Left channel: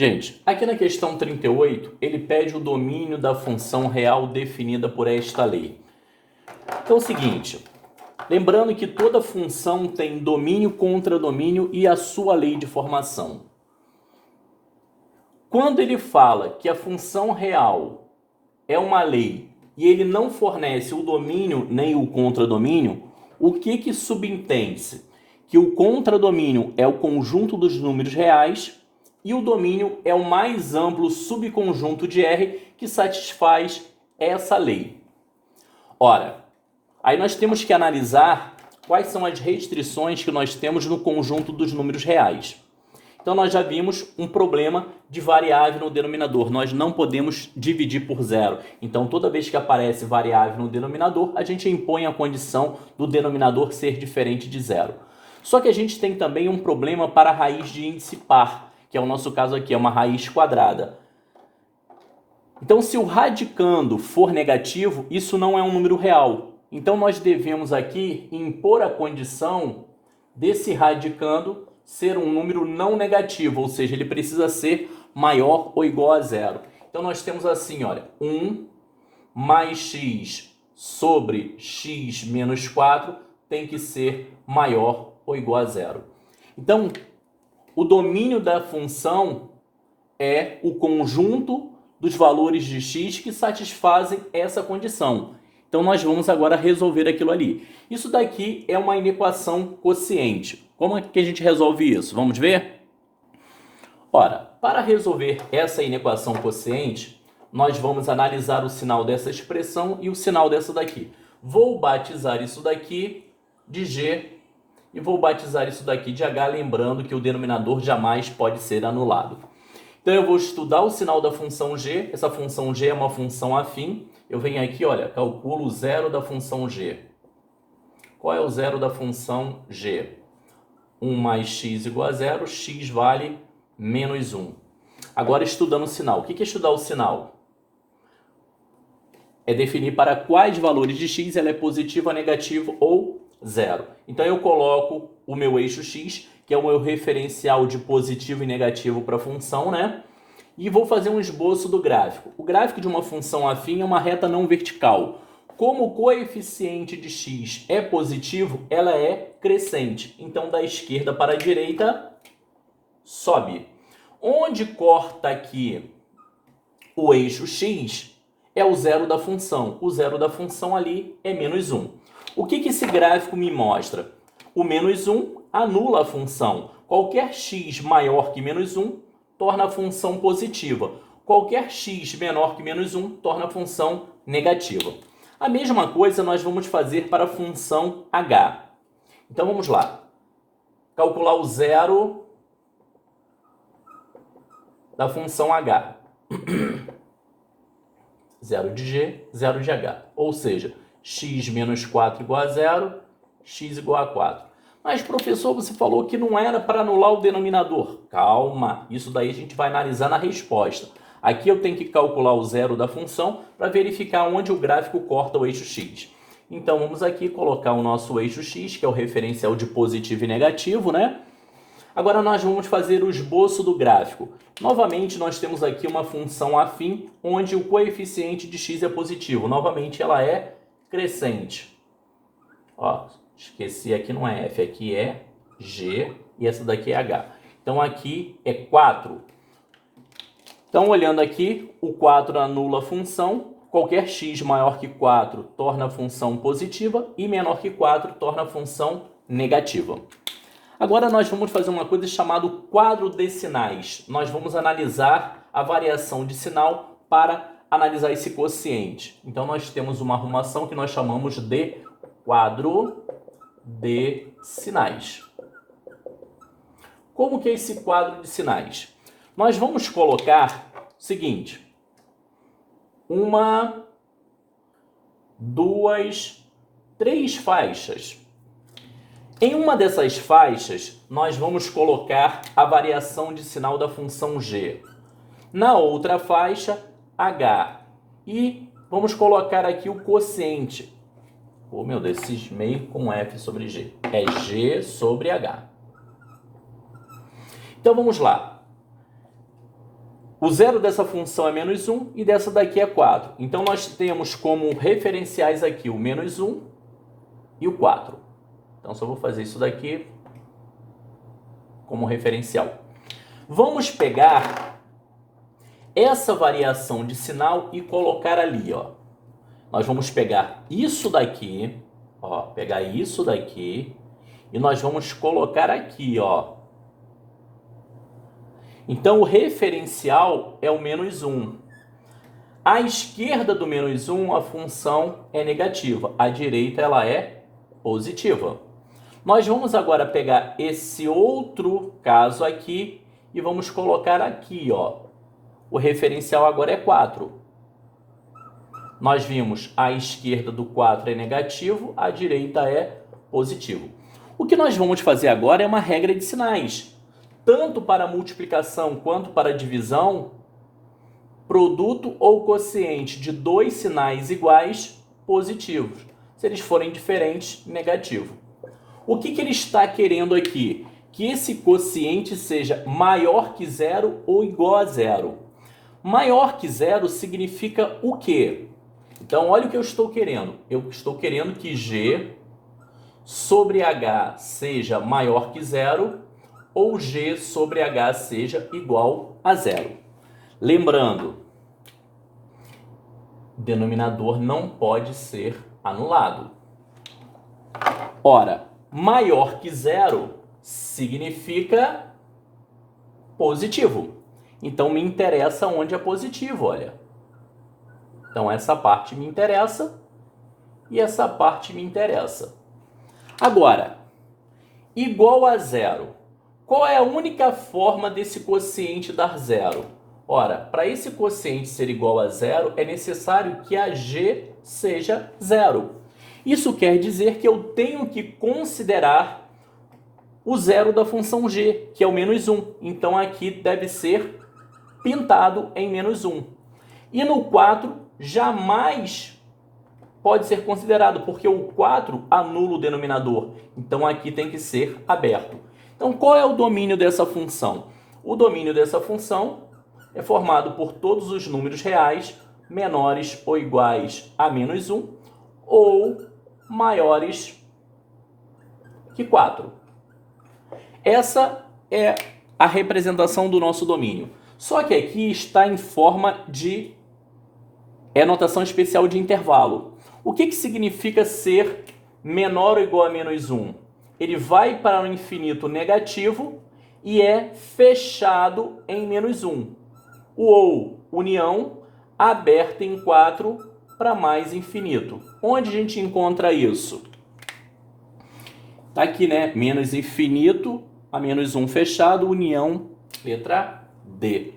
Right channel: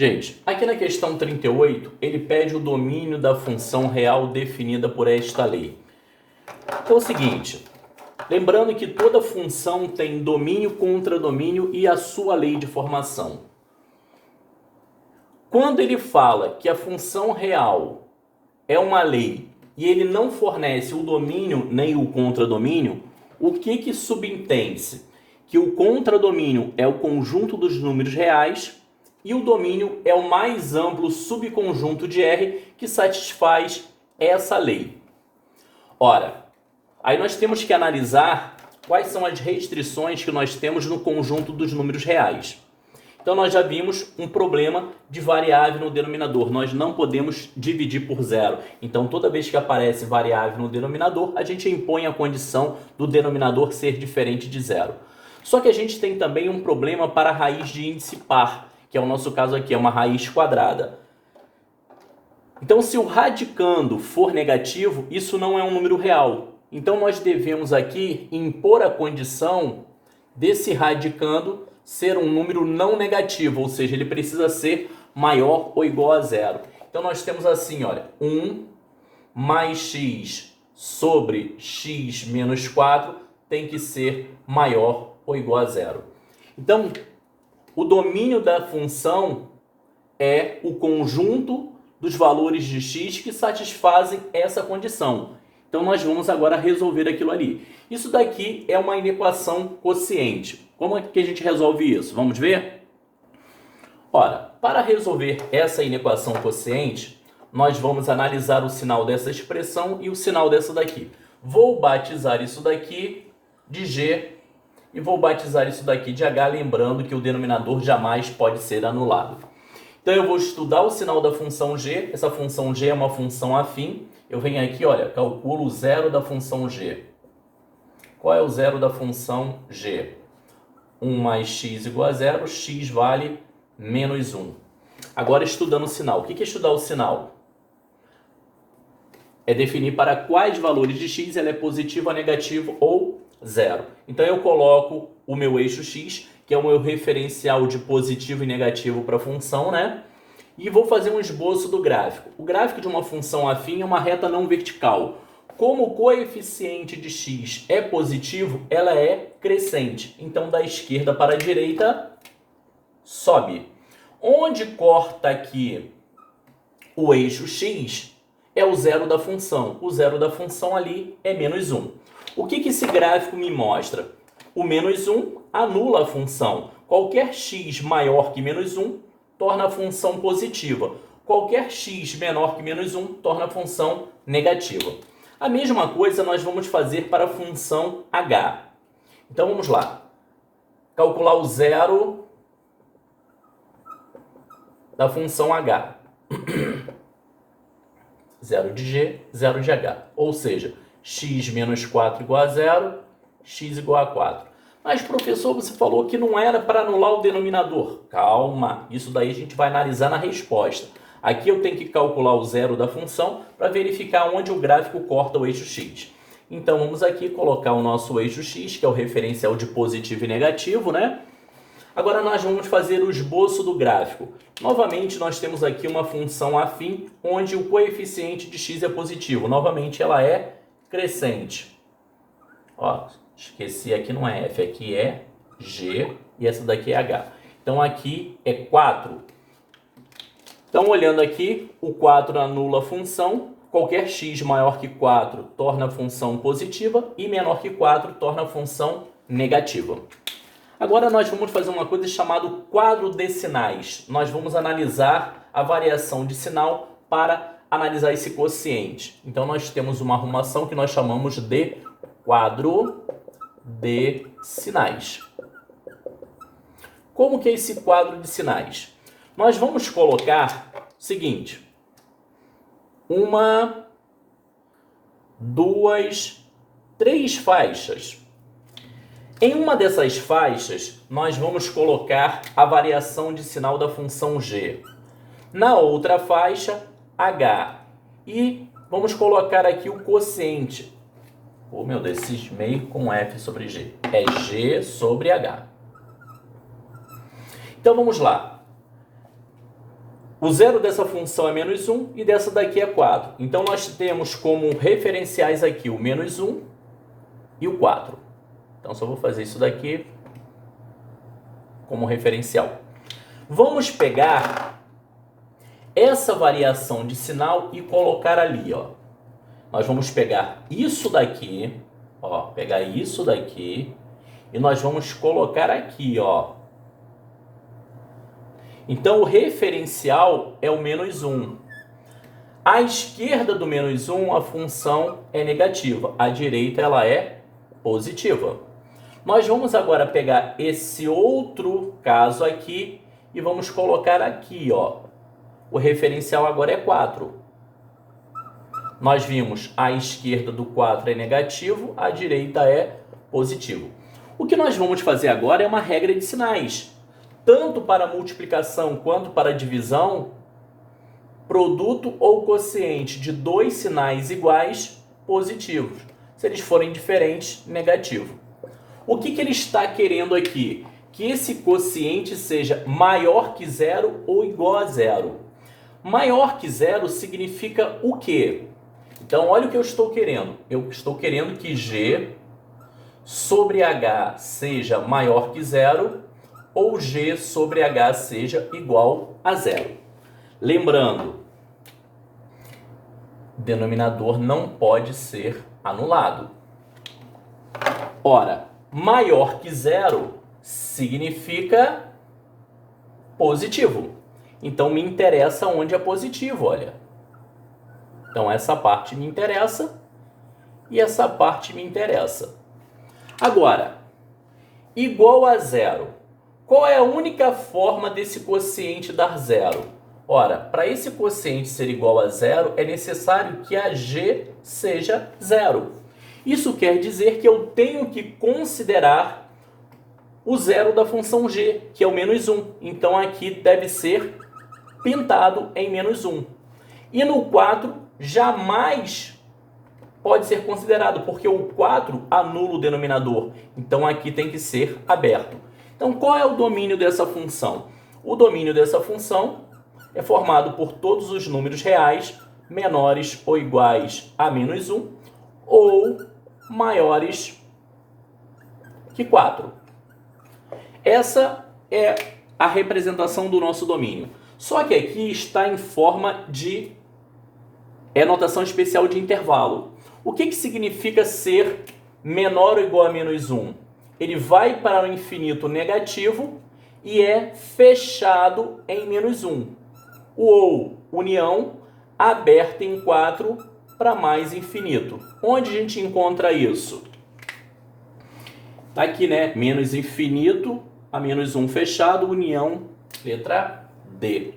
Gente, aqui na questão 38, ele pede o domínio da função real definida por esta lei. Então é o seguinte, lembrando que toda função tem domínio, contradomínio e a sua lei de formação. Quando ele fala que a função real é uma lei e ele não fornece o domínio nem o contradomínio, o que subentende-se? Que o contradomínio é o conjunto dos números reais e o domínio é o mais amplo subconjunto de R que satisfaz essa lei. Ora, aí nós temos que analisar quais são as restrições que nós temos no conjunto dos números reais. Então nós já vimos um problema de variável no denominador. Nós não podemos dividir por zero. Então toda vez que aparece variável no denominador, a gente impõe a condição do denominador ser diferente de zero. Só que a gente tem também um problema para a raiz de índice par, que é o nosso caso aqui, é uma raiz quadrada. Então se o radicando for negativo, isso não é um número real. Então nós devemos aqui impor a condição desse radicando ser um número não negativo, ou seja, ele precisa ser maior ou igual a zero. Então nós temos assim, olha, 1 mais x sobre x menos 4 tem que ser maior ou igual a zero. Então, o domínio da função é o conjunto dos valores de x que satisfazem essa condição. Então nós vamos agora resolver aquilo ali. Isso daqui é uma inequação quociente. Como é que a gente resolve isso? Vamos ver? Ora, para resolver essa inequação quociente, nós vamos analisar o sinal dessa expressão e o sinal dessa daqui. Vou batizar isso daqui de G e vou batizar isso daqui de H, lembrando que o denominador jamais pode ser anulado. Então eu vou estudar o sinal da função G. Essa função G é uma função afim. Eu venho aqui, olha, calculo o zero da função G. Qual é o zero da função G? 1 mais x igual a zero, x vale menos 1. Agora estudando o sinal. O que é estudar o sinal? É definir para quais valores de x ela é positivo, negativo ou zero. Então eu coloco o meu eixo x, que é o meu referencial de positivo e negativo para a função, né? E vou fazer um esboço do gráfico. O gráfico de uma função afim é uma reta não vertical. Como o coeficiente de x é positivo, ela é crescente. Então, da esquerda para a direita, sobe. Onde corta aqui o eixo x é o zero da função. O zero da função ali é menos 1. O que esse gráfico me mostra? O menos 1 anula a função. Qualquer x maior que menos 1 torna a função positiva. Qualquer x menor que menos 1 torna a função negativa. A mesma coisa nós vamos fazer para a função h. Então vamos lá. Calcular o zero da função h. Zero de g, zero de h. Ou seja, x menos 4 igual a zero, x igual a 4. Mas, professor, você falou que não era para anular o denominador. Calma, isso daí a gente vai analisar na resposta. Aqui eu tenho que calcular o zero da função para verificar onde o gráfico corta o eixo x. Então, vamos aqui colocar o nosso eixo x, que é o referencial de positivo e negativo, né? Agora nós vamos fazer o esboço do gráfico. Novamente, nós temos aqui uma função afim, onde o coeficiente de x é positivo. Novamente, ela é crescente. Ó, esqueci, aqui não é f, aqui é g e essa daqui é h. Então aqui é 4. Então olhando aqui, o 4 anula a função. Qualquer x maior que 4 torna a função positiva e menor que 4 torna a função negativa. Agora nós vamos fazer uma coisa chamada quadro de sinais. Nós vamos analisar a variação de sinal para analisar esse quociente. Então nós temos uma arrumação que nós chamamos de quadro de sinais. Como que é esse quadro de sinais? Nós vamos colocar o seguinte: 1, 2, 3 faixas. Em uma dessas faixas, nós vamos colocar a variação de sinal da função g. Na outra faixa, h. E vamos colocar aqui o quociente. Oh, meu Deus, cismei com f sobre g. É g sobre h. Então, vamos lá. O zero dessa função é menos 1 e dessa daqui é 4. Então, nós temos como referenciais aqui o menos 1 e o 4. Então, só vou fazer isso daqui como referencial. Vamos pegar essa variação de sinal e colocar ali, ó. Nós vamos pegar isso daqui, ó, pegar isso daqui e nós vamos colocar aqui, ó. Então, o referencial é o menos 1. À esquerda do menos 1, a função é negativa. À direita, ela é positiva. Nós vamos agora pegar esse outro caso aqui e vamos colocar aqui, ó. O referencial agora é 4. Nós vimos à esquerda do 4 é negativo, à direita é positivo. O que nós vamos fazer agora é uma regra de sinais. Tanto para multiplicação quanto para divisão, produto ou quociente de dois sinais iguais, positivos. Se eles forem diferentes, negativo. O que ele está querendo aqui? Que esse quociente seja maior que zero ou igual a zero. Maior que zero significa o quê? Então, olha o que eu estou querendo. Eu estou querendo que G sobre H seja maior que zero ou G sobre H seja igual a zero. Lembrando, o denominador não pode ser anulado. Ora, maior que zero significa positivo. Então, me interessa onde é positivo, olha. Então, essa parte me interessa e essa parte me interessa. Agora, igual a zero. Qual é a única forma desse quociente dar zero? Ora, para esse quociente ser igual a zero, é necessário que a G seja zero. Isso quer dizer que eu tenho que considerar o zero da função G, que é o menos 1. Então, aqui deve ser pintado em menos 1. E no 4, jamais pode ser considerado, porque o 4 anula o denominador. Então, aqui tem que ser aberto. Então, qual é o domínio dessa função? O domínio dessa função é formado por todos os números reais menores ou iguais a menos 1 ou maiores que 4. Essa é a representação do nosso domínio. Só que aqui está em forma de notação especial de intervalo. O que significa ser menor ou igual a menos 1? Ele vai para o infinito negativo e é fechado em menos 1. Ou união aberta em 4 para mais infinito. Onde a gente encontra isso? Está aqui, né? Menos infinito a menos 1 fechado, união, letra D.